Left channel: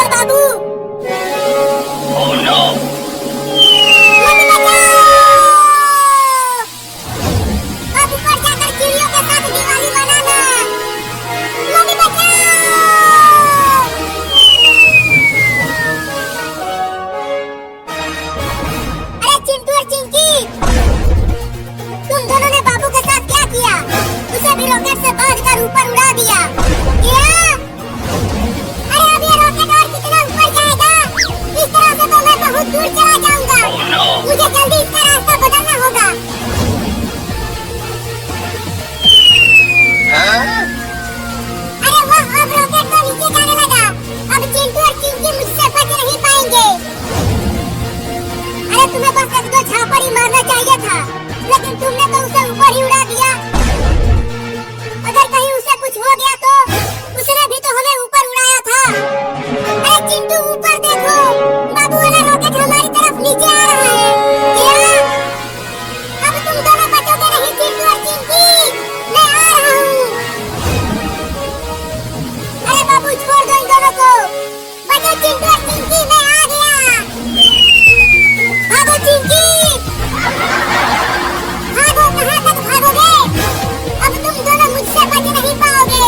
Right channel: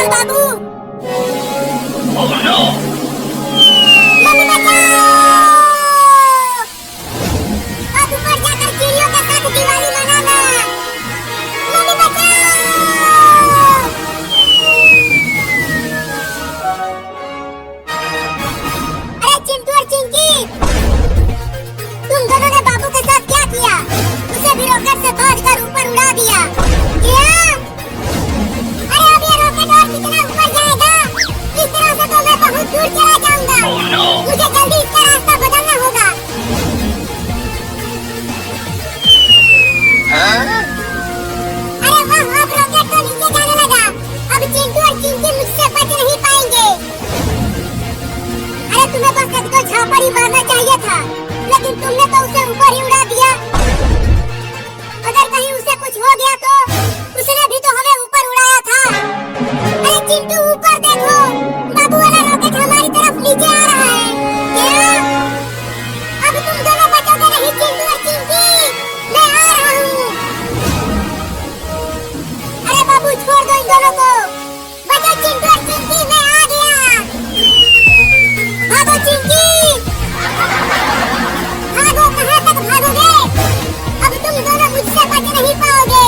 Uncle बाबू। Oh no! Mummy बचाओ। बाबू पर जाकर चिड़ियों के साथ दिवाली मनाना। मम्मी बचाओ। अरे चिंटू और चिंकी, तुम दोनों ने बाबू के साथ क्या किया? उसे भी रॉकेट से बांधकर ऊपर उड़ा दिया। अरे अब ये रॉकेट और कितना ऊपर जाएगा? इस तरह से तो मैं बहुत दूर चला जाऊंगा। Oh no! मुझे जल्दी इसका रास्ता बदलना होगा। अरे वाह, अब रॉकेट तो नीचे जाने लगा। अब चिंटू और चिंकी मुझसे बच नहीं पाएंगे। अरे तुम्हें बस एक दो झापड़ ही मारना चाहिए था, लेकिन तुमने तो उसे ऊपर ही उड़ा दिया। अगर कहीं उसे कुछ हो गया तो उसने भी तो हमें ऊपर उड़ाया था। अरे चिंटू ऊपर देखो, बाबू वाला रॉकेट हमारी तरफ नीचे आ रहा है। क्या? अब तुम दोनों बचोगे नहीं चिंटू और चिंकी, मैं आ रहा हूँ। अरे बाबू छोड़ दो इन दोनों को। बचो चिंटू और चिंकी, मैं आ गया। भागो चिंकी, भागो, कहाँ तक भागोगे? अब तुम दोनों मुझसे बच नहीं पाओगे।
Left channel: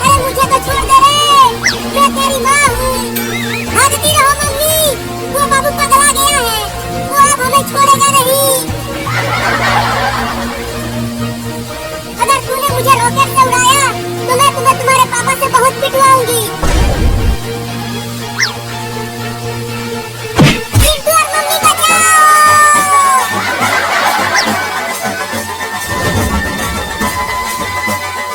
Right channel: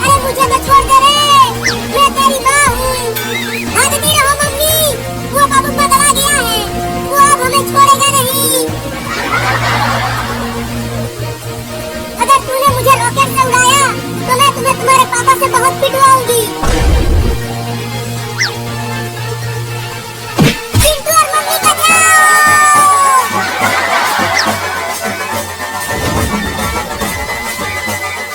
अरे मुझे तो छोड़ दे रे, मैं तेरी माँ हूँ। भागती रहो मम्मी, वो बाबू पगला गया है, वो अब हमें छोड़ेगा नहीं। अगर तूने मुझे रॉकेट से उड़ाया तो मैं तुम्हें तुम्हारे पापा से बहुत पिटवाऊंगी। चिंटू और मम्मी बचाओ।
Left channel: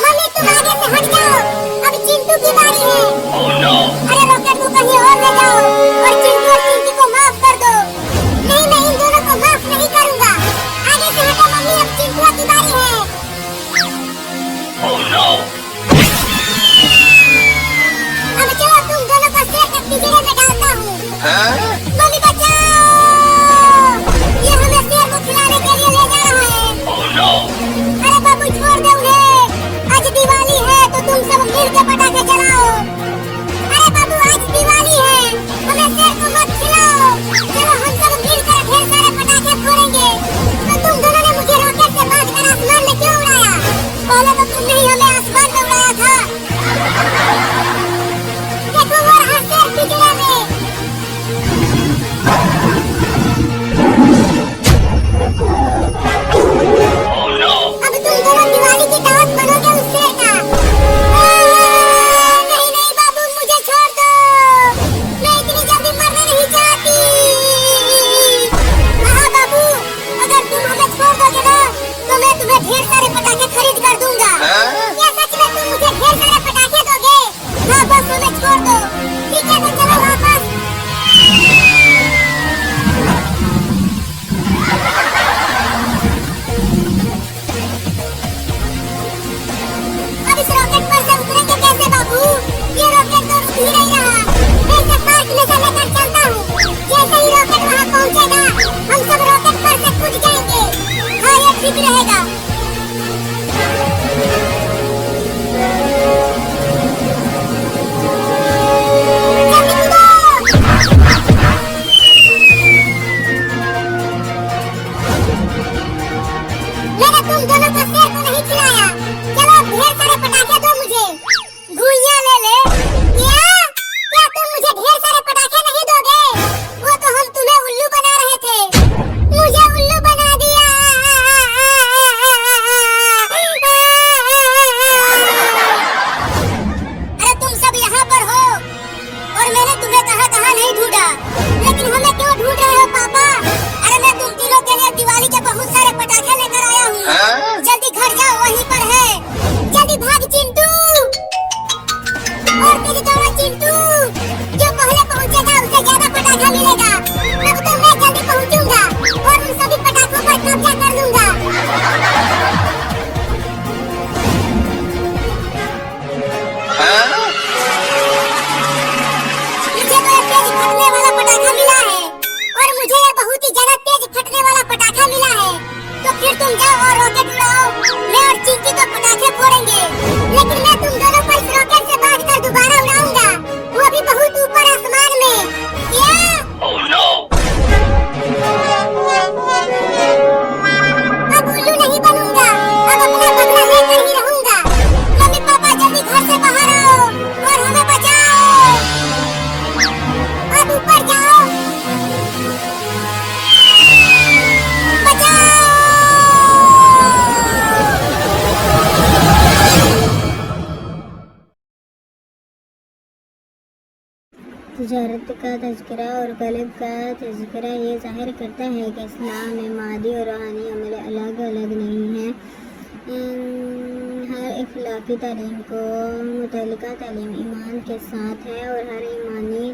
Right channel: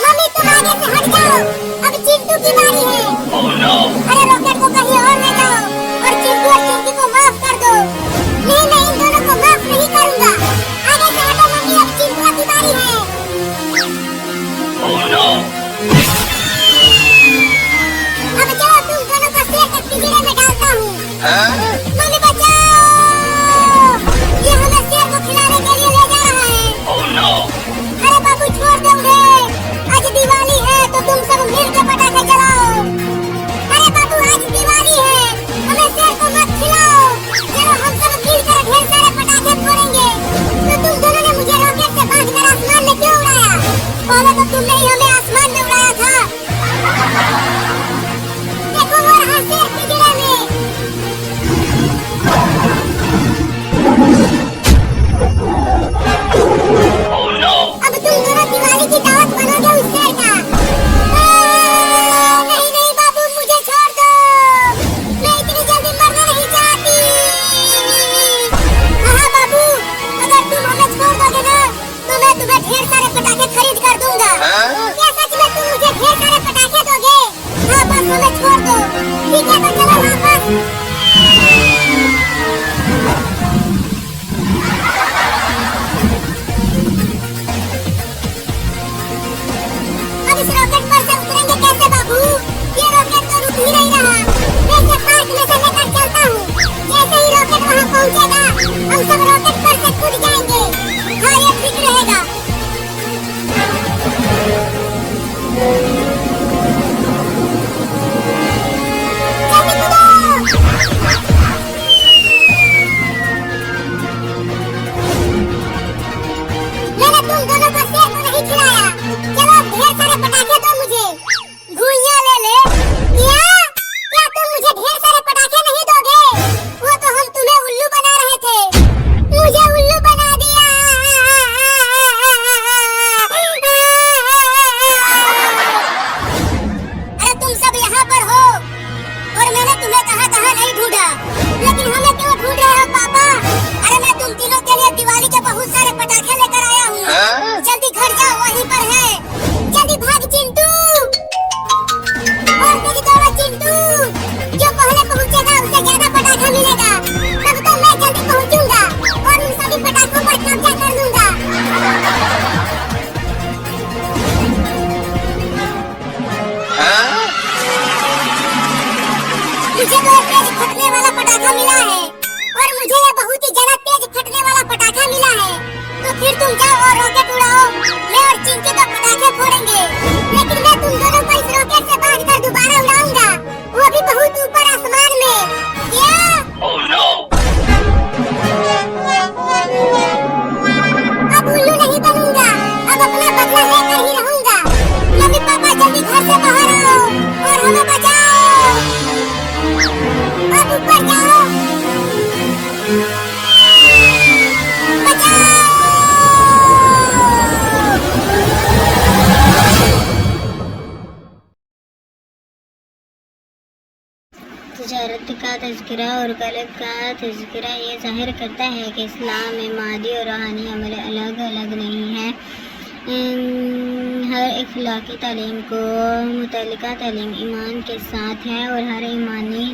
मम्मी तुम आगे से हट जाओ, अब चिंटू की बारी है। Oh no! अरे रॉकेट को कहीं और ले जाओ और चिंटू और चिंकी को माफ कर दो। नहीं नहीं, इन दोनों को माफ नहीं करूंगा। आगे से हटो मम्मी, अब चिंटू की बारी है। Oh no! अब चलो तुम दोनों का सिर एक पिंजरे में डालता हूँ। मम्मी बचाओ, ये हमें शेर को खिलाने के लिए ले जा रहा है। Oh no! अरे बाबू छोड़ दो उन्हें, आज दिवाली है तो तुम सब मिल के पटाखे जलाओ। अरे बाबू आज दिवाली है, हमें शेर को मत खिलाओ। चलो हम सब मिल कर ढेर सारे पटाखे फोड़ेंगे। तो तुम दोनों ने मुझे रॉकेट से बांधकर आसमान में क्यों उड़ाया? पहले तो तुमने ही हमें आसमान में उड़ाया था। देखो वो रहा शेर पिंजरे में। Oh no! अब तुम दोनों दिवाली की दावत बनोगे उस शेर का। नहीं नहीं बाबू, मुझे छोड़ दो, मैं इतनी जल्दी मरना नहीं चाहती। हाँ बाबू, अगर तुम हमें छोड़ दोगे ना तो मैं तुम्हें ढेर सारे पटाखे खरीद कर दूंगा। क्या सच में तुम मुझे ढेर सारे पटाखे दोगे? हाँ बस हमें छोड़ दो। ठीक है तो चलो वापस। अब इस रॉकेट पर से उतरेंगे कैसे बाबू? ये रॉकेट तो रुक ही नहीं रहा। मैं इसे पार्क में से लेकर चलता हूँ। जैसे ही रॉकेट वहाँ पहुँचेगा हम सब रॉकेट पर से कूद जाएंगे। हाँ ये ठीक रहेगा। जल्दी कूदो। मैंने तुम दोनों को शेर को नहीं खिलाया। चलो अब ढेर सारे पटाखे दो मुझे। घुइयां ले ले। क्या तुम मुझे ढेर सारे पटाखे नहीं दोगे? वो तो हम तुम्हें उल्लू बना रहे थे। मुझे उल्लू बना दिया। अरे तुम सब यहाँ पर हो और मैंने तुम्हें कहाँ कहाँ नहीं ढूंढा, लेकिन हमें क्यों ढूंढ रहे हो पापा? अरे मैं तुम तीनों के लिए दिवाली के बहुत सारे पटाखे लेकर आया हूँ। जल्दी घर जाओ, वहीं पर है। जल्दी भाग चिंटू। और मेरी दोनों चिंटू, जो पहले पहुँचेगा उसे ज्यादा पटाखा मिलेगा। तब तो मैं जल्दी पहुँचूंगा और उन सभी पटाखों पर कब्जा कर लूंगा। मुझे तो एक तेज फटने वाला पटाखा मिला है और मुझे ये बहुत ही ज्यादा तेज फटने वाला पटाखा मिला है। तो फिर तुम जाओ और रॉकेट उड़ाओ, मैं और चिंकी तो पटाखे फोड़ेंगे। बदला लेकर ही रहूंगा। मम्मी पापा जल्दी घर से बाहर आओ और हमें बचाओ। आप ऊपर जाओ, बचाओ। तजारत का तज़किरा और कल्ब का तज़किरा ये ज़ाहिर करता है कि इस्लाम में मादी और रूहानी अमल अलग अलग नहीं है। हर इखलाकी तालीम को मुतल्लिका तालीम ईमान के साथ है और हर ईमानी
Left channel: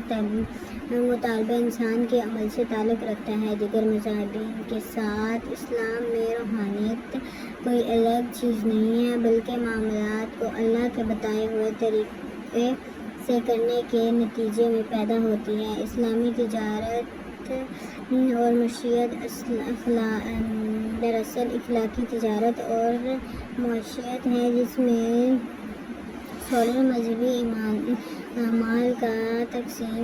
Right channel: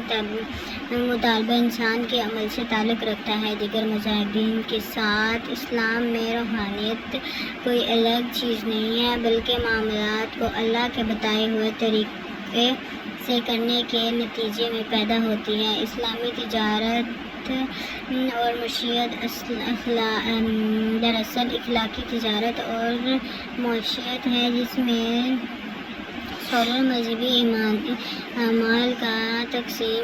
मुतालबा इंसान के अमल से ताल्लुक़ रखता है। दीगर मज़ाहिबीन के साथ इस्लाम में रूहानियत कोई अलग चीज़ नहीं है, बल्कि मामलात को अल्लाह के बताए हुए तरीक़े से करने के नतीजे में पैदा होती है। इस्लामी तिजारत और मशीयत दरअसल इखलाकी तिजारत और मशीयत है, जिसमें सोलर मजहबी अमाल का तकसीम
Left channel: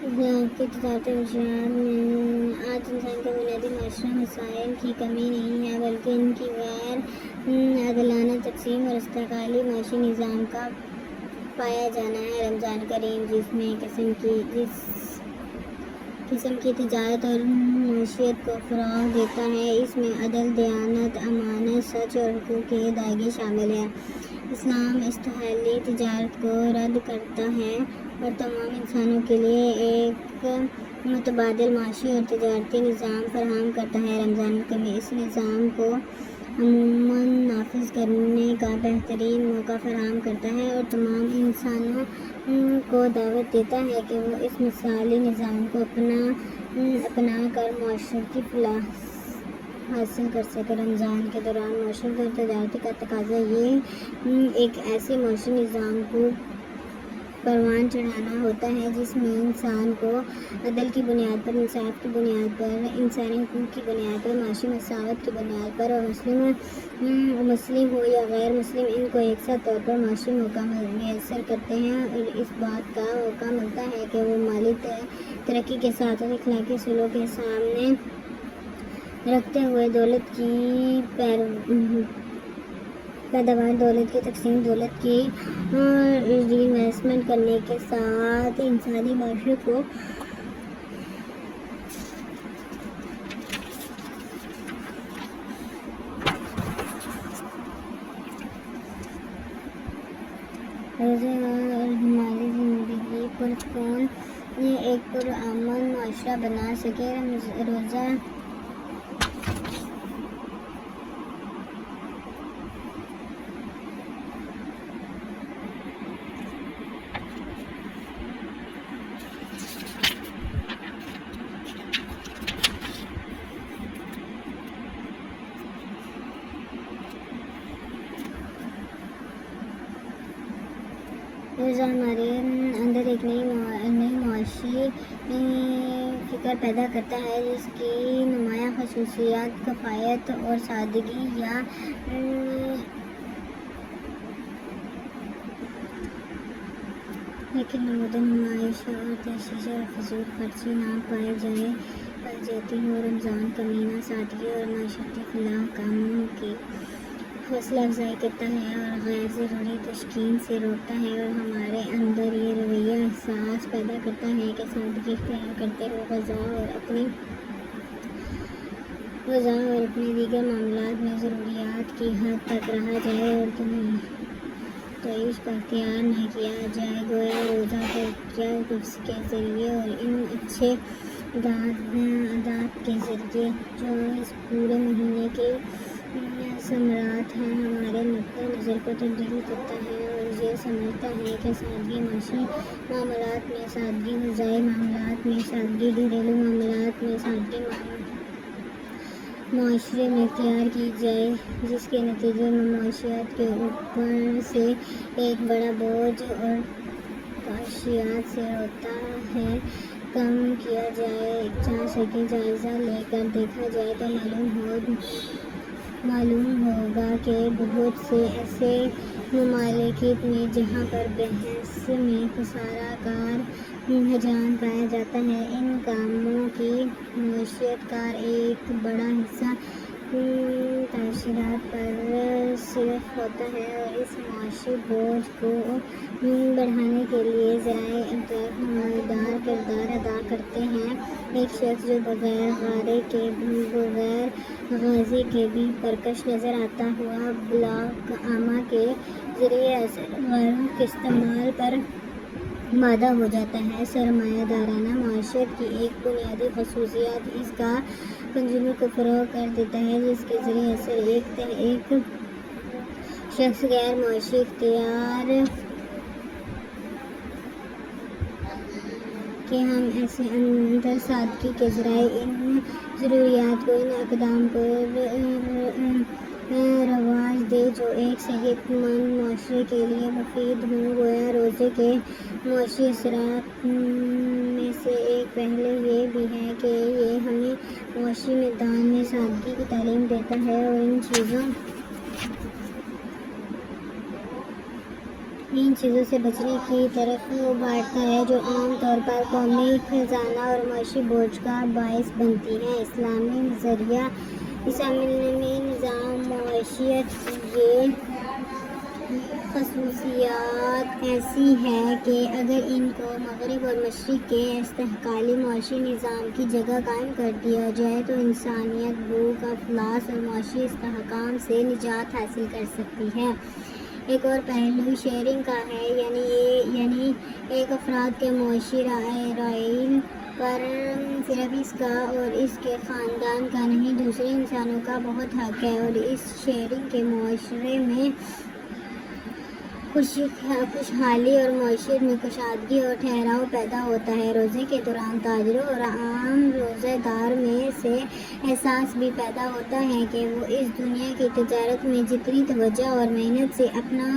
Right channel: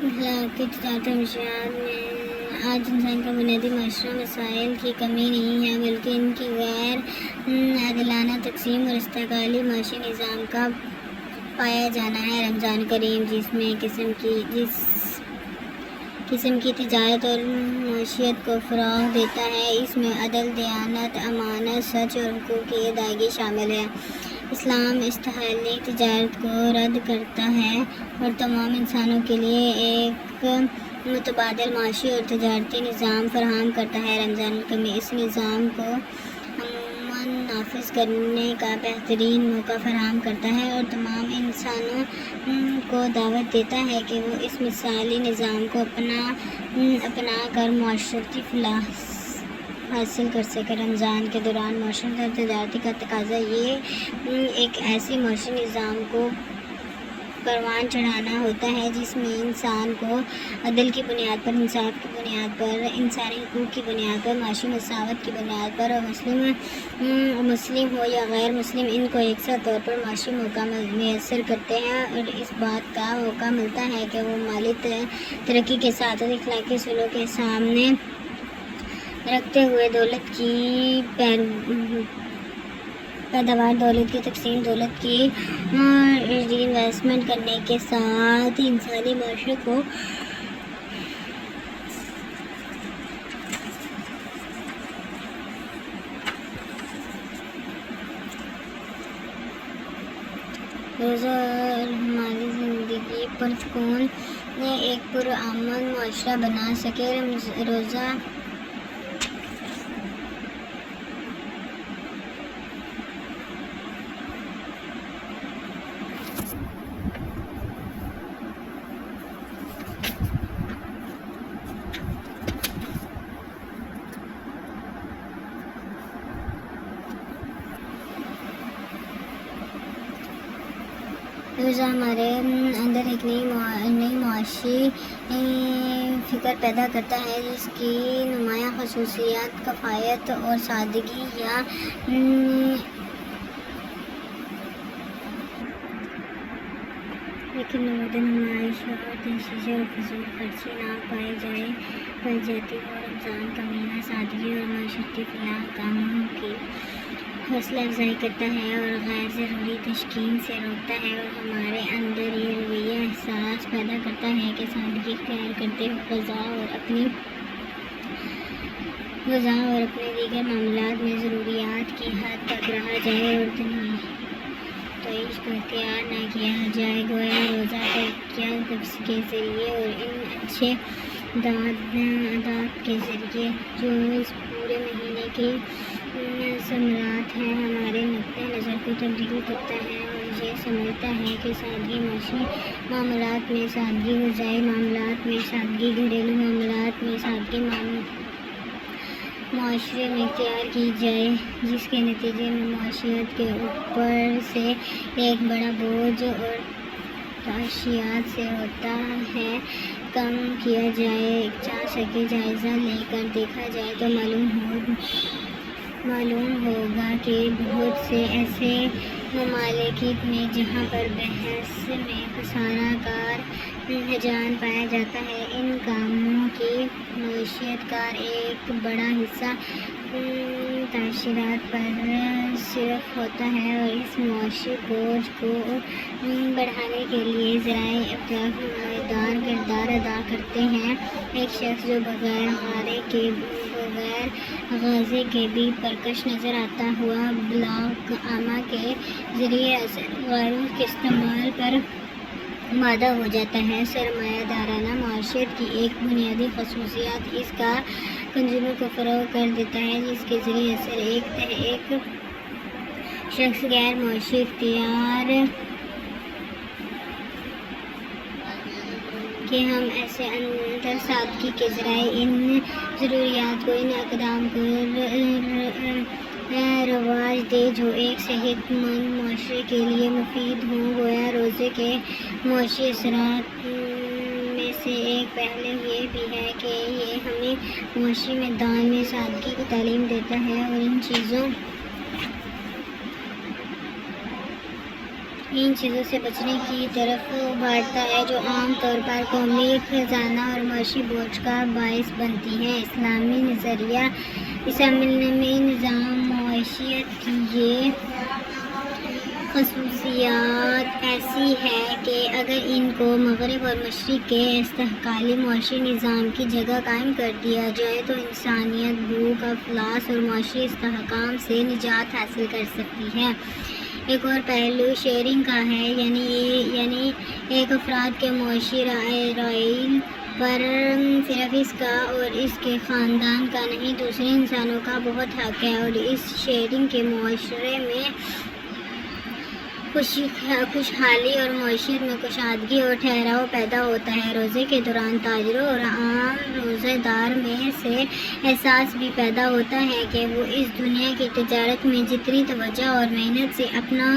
इखलाकी तिजारत और मशीयत में आज इंसान के बुनियादी माशरा मसाइल की कमी नहीं है, बल्कि इनकी गैर आदिलाना तकसीम और इस्तेकाली माशी निज़ाम का पाया जाना है। रमज़ान करीम जिसमें किस्म की तिजारत और माशियत को फ़रोग़ देता है, इसमें अदल, दयानत, अमानत, सच और हुकूक़ की अदायगी शामिल है। इस्लाम इस्तेहली तिजारत को रद्द करता है और तमाम इंसानों के लिए एक मुतबादिल माशी और तिजारती निज़ाम फराहम करता है। रमज़ान करीम इस निज़ाम को अमूमन नाफिज करने का बेहतरीन मौका फराहम करता है और तमाम इंसानों को दावत देता है कि वो इस मिसाली निज़ाम को अपना कर माशरती फलाह हासिल कर सके। रमज़ान के दौरान माशरत और तजारती का तकाज़ा ये एक ऐसे माशी निज़ाम को परवान चढ़ाना होता है जिसमें इंसान को अदल की बुनियाद पर, इंसाफ की बुनियाद पर, इंसानी हुकूक़ की बुनियाद पर, माशी मसावत की बुनियाद पर और मुस्लिम हो या गैर मुस्लिम इनको यकसा तौर पर माशी मौका मैसर करते हैं और इस बात का मौका मिलता है कि वो माली तरक्की के साथ इखलाकी उसूलों के सामने रखते हुए दौलत की पैदावार, दौलत की तकसीम, दौलत की इन्वेस्टमेंट करने के साथ इंसानी माशरे को रोज़ा और हमारी ज़िंदगी पर कौन एक पुरअमन माशरा बना सके। रोज़ा रोज़ा हमारे अंदर एक नई मुआशी फ़िक्र पैदा करता है, जिसकी नुमायाँ ख़ुसूसियात कफ़ायत और सादगी या लेकिन नमूद नुमाइश और तशरीह और फजूल खर्ची ना पाई जाती हो। रमज़ान का महीना सादगी और माशरती फलाह कामों की हौसला अफजाई करता है और गैर ज़रूरी तशकीन से रोकता है और हमारे अंदर ये रवैया एहसास पैदा करता है कि सादगी इख्तियार करते हुए ग़ज़ा और अपने दीगर मामलात में ज़रूरियात की हद तक रहा जाए और तईश को इख्तियार न किया जाए। गोया रोज़ा तकिया नफ्स के ज़रिए और इन अच्छे आदात के ज़रिए जो इस पूरे महीने के समरात हैं, हमारे नुक्ते नज़र को तब्दील करता है और ये समझता है कि सादगी माशी मामलात में सादगी, ग़ज़ाई मामलात में सादगी, घरेलू मामलात में सादगी माशरे में इख्तियार की जाए, जिसके नतीजे में माशियात के ऊपर से एक बड़ा बोझ और ताशियात से होता है कम किया जा सके। जायज़ा लेकर देखा जाए तो मालूम होगा कि बहुत से ऐसे ममालिक में जहाँ पर बहस में खसारा कार रुझान पाया जाता है, इन कामों की मईशत का एक बड़ा हिस्सा تاشرات پر صرف ہوتا ہے اور اس معاشی بوجھ کو بڑھانے کے لیے ذرائع ابداع نمایاں کردار ادا کرتے ہیں۔ ایک شخص جو بغیر غازے کے بھی پرکش نظر آتا ہوا بلاک عامہ کے ذریعے اثر غیروں کے استعمال پر مادہ ہو جاتا ہے۔ سرمایہ دارانہ معیشت کی ایک بنیادی خصوصیت اس کا کنزیومر کو فروغ کر دیتا ہے، جس کے ذریعے اثر ایک شخص غیر معاشی اختیار کہ ہم ایسے اندر سادگی کے ذرائع ان ضروریات کو، ان اقدام کو رواج دے جو ایک صحت مند معاشرے کے لیے مفید ہوں۔ گویا روزے کے معاشی اثرات میں سے ایک پہلو یہ بھی ہے کہ یہ ہمیں معاشی میدان میں سادگی کی تعلیم دیتا ہے اور ان چیزوں سے بچنے کی طرف ابھارتا ہے جو عام طور پر قومی خزانہ اور معاشی بوجھ کا باعث بنتی ہیں۔ اسلامی نظام معیشت کی یہ خصوصیات ایسی ہے کہ اگر ان کو مغرب اور مشرق کے استحکامی معاشی نظام کی جگہ قائم کر دیا جائے تو انسانیت بھوک، افلاس اور معاشی استحکام سے نجات حاصل کر سکتی ہے۔ ایک اور پہلو شیئرنگ کا ہے، یعنی ایک افراد کے معاشی رائل پر صرف اس کا اور اس کے خاندان کا نہیں، دوسرے انسانوں کا بہت حق ہے، اور اس شیئرنگ کے معاشرے میں خوشحالی اور معیشت میں کشادگی اور ٹھہراؤ پیدا ہوتا ہے۔ روزے کے دوران تاجروں اور عام روزہ دار میں سے احساس بھی پیدا ہوتا ہے کہ وہ اس دنیا کی تجارت میں جتنی توجہ اور محنت سے اپنا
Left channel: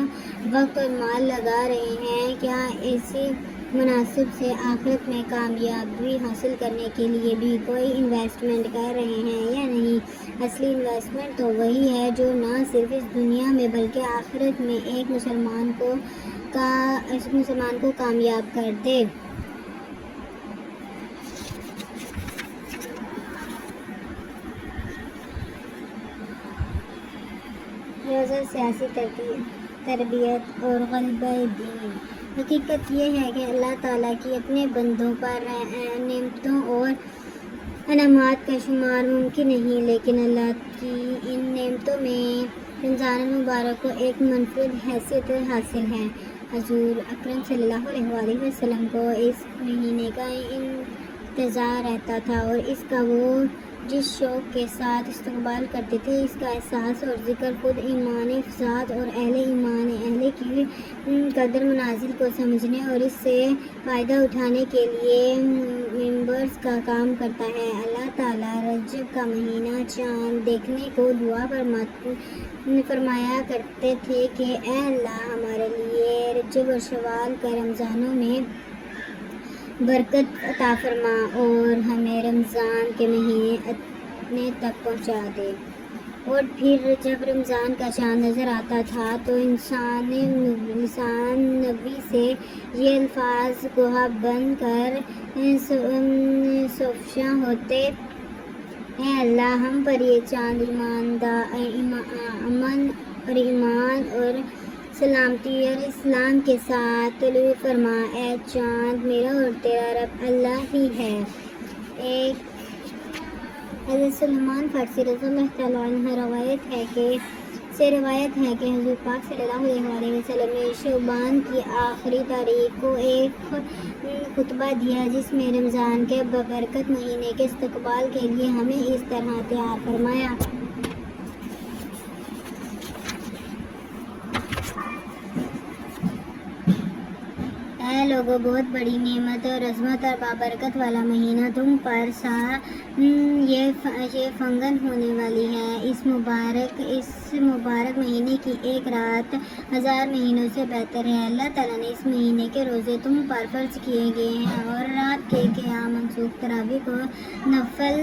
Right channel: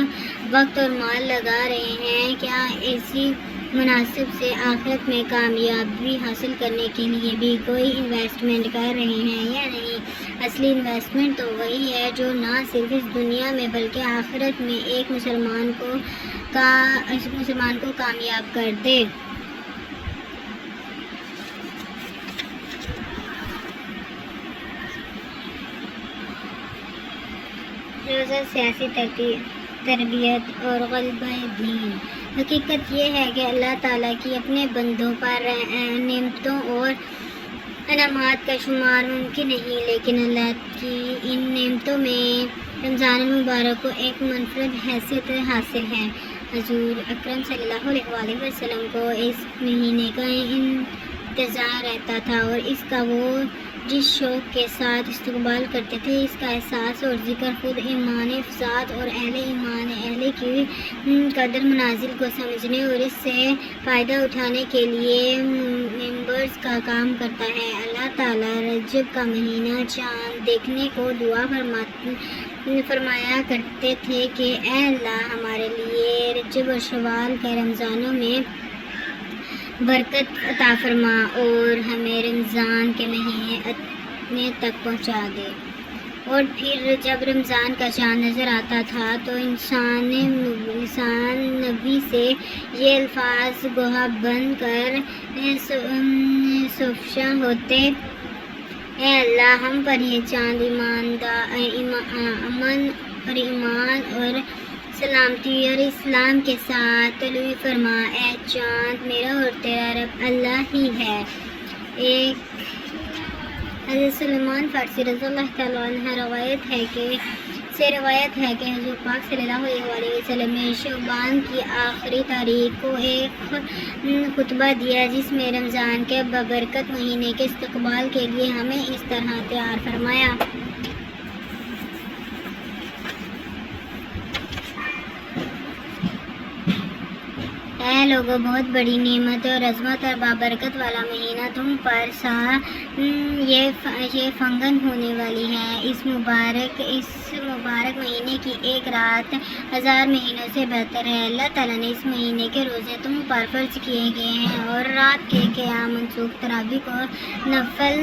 وقت اور مال لگا رہے ہیں، کیا اسی مناسب سے آخرت میں کامیابی حاصل کرنے کے لیے بھی کوئی انویسٹمنٹ کر رہے ہیں یا نہیں۔ اصلی انویسٹمنٹ تو وہی ہے جو نہ صرف اس دنیا میں بلکہ آخرت میں ایک مسلمان کو کامیاب کر دے۔ روزہ سیاسی تربیت اور غلبہ دین۔ حقیقت یہ ہے کہ اللہ تعالیٰ کی اپنے بندوں پر نعمتوں اور انعامات کا شمار ممکن نہیں، لیکن اللہ کی ان نعمتوں میں رمضان المبارک کو ایک منفرد حیثیت حاصل ہے۔ حضور اکرم صلی اللہ علیہ وآلہ وسلم کو اس مہینے کا انتظار رہتا تھا اور اس کا وہ جس شوق کے ساتھ استقبال کرتے تھے، اس کا احساس اور ذکر خود ایمان افزاد اور اہل کی قدر منازل کو سمجھنے اور اس سے فائدہ اٹھانے کے لیے ممبرز کا کام کرتا ہے۔ اللہ تعالیٰ رجب کا مہینہ چاند دیکھنے کو دعا فرمایا کرتے تھے کہ اے اللہ، ہمارے لیے رجب اور شوال کے رمضانوں میں برکت عطا فرما اور ہمیں رمضان کے مہینے اپنے تک پہنچا دے۔ اور پھر جب رمضان کا چاند نظر آتا تھا تو لسان نبی سے یہ الفاظ گویا بن کر سفشاں ہوتے، اے اللہ، ہم پر یہ چاند امن اور ایمان اور سلامتی اور اسلام کے ساتھ طلوع فرما۔ اے چاند، میرا اور تیرا رب اللہ ہی ہے۔ ایک حضرت سلمان فارسی رضی اللہ تعالیٰ عنہ روایت ہے کہ حضور پاک صلی اللہ علیہ وآلہ وسلم نے شعبان کی آخری تاریخ کو ایک خطبہ دیا جس میں رمضان کے ببرکت مہینے کے استقبال کے لیے ہمیں اس طرح تیار فرمایا۔ اے لوگو، بہت بڑی نعمت اور عظمت اور بابرکت والا مہینہ تم پر یہ فنگن ہونے والی ہے۔ اس مبارک مہینے کی ایک رات 1000 مہینوں سے بہتر ہے۔ اللہ تعالیٰ نے اس مہینے کے روزے تم پر فرض کیے گئے ہیں اور رات کے قیام منسوخ تراویح کو نفل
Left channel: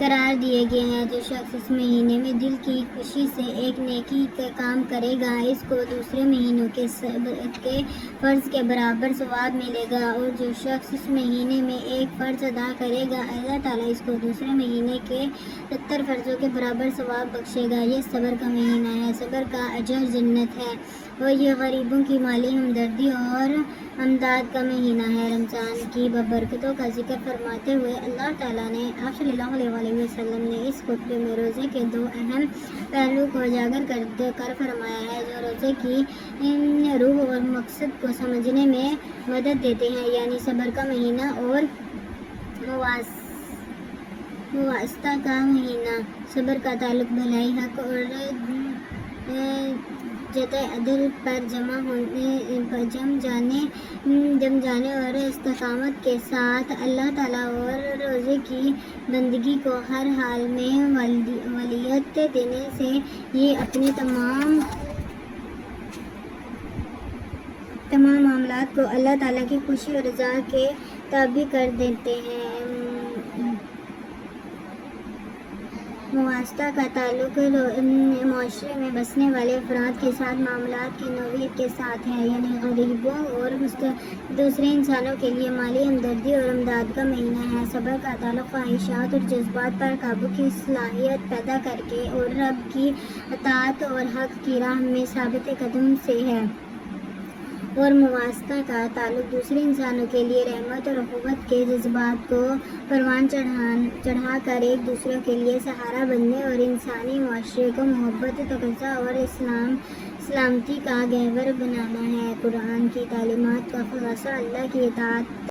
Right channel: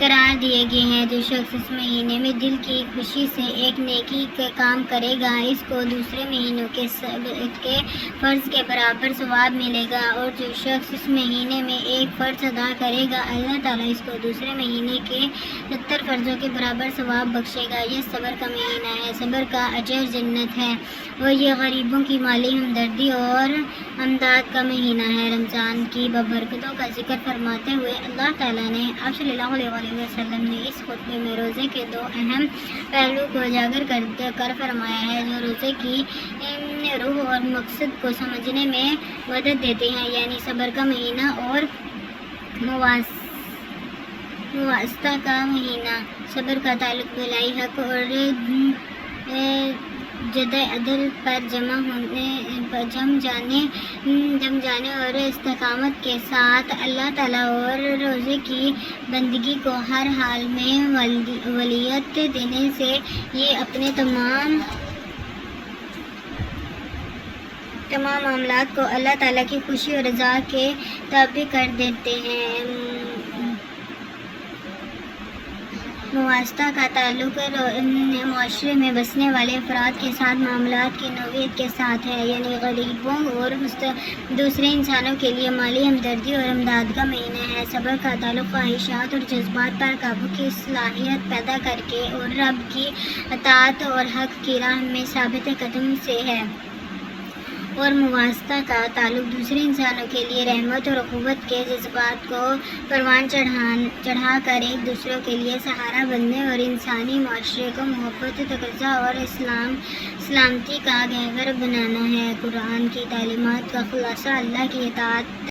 قرار دیے گئے ہیں۔ جو شخص اس مہینے میں دل کی خوشی سے ایک نیکی کا کام کرے گا اس کو دوسرے مہینوں کے فرض کے برابر ثواب ملے گا، اور جو شخص اس مہینے میں ایک فرض ادا کرے گا اللہ تعالیٰ اس کو دوسرے مہینے کے 70 فرضوں کے برابر ثواب بخشے گا۔ یہ صبر کا مہینہ ہے، صبر کا اجر جنت ہے، اور یہ غریبوں کی مالی ہمدردی اور امداد کا مہینہ ہے۔ رمضان کی ببرکتوں کا ذکر فرماتے ہوئے اللہ تعالیٰ نے آپ صلی اللہ علیہ وسلم نے اس خطبے میں روزے کے 2 اہم پہلو کو اجاگر کر فرمایا ہے جو روزے کی روح اور مقصد کو سمجھنے میں مدد دیتے ہیں، یعنی صبر کا مہینہ اور مواسطہ کا مہینہ۔ صبر کا تعلق بھلائی، حق اور جد عدل پر جم جانے اور استقامت کے ساتھ اللہ تعالیٰ اور روزے کی بندگی کو ہر حال میں ولیت دینے سے یہ اپنے تمام معاملات کو اللہ تعالیٰ کی خوشی اور رضا کے تابع کر دیتے ہیں۔ مواسطہ کا تعلق معاشرے میں بسنے والے افراد کے ساتھ معاملات کی نوعیت کے ساتھ ہے، یعنی غریبوں اور دوسرے انسانوں کے لیے مالی ہمدردی اور امداد کا مہینہ ہے۔ صبر کا تعلق خواہشات اور جذبات پر قابو کی صلاحیت پیدا کر کے اور رب کی اطاعت اور حق کی راہ میں ثابت قدم سے ہے، اور مواسطہ کا تعلق دوسرے انسانوں کے لیے رحمت اور اخوت کے جذبات کو پروان چڑھا کر ایک دوسرے کے لیے سہارا بننے اور انسانی معاشرے کو محبت، تقاضا اور سلامتی کا گہور بنانا ہے۔ قرآن کی تعلیمات کا خلاصہ اللہ کی اطاعت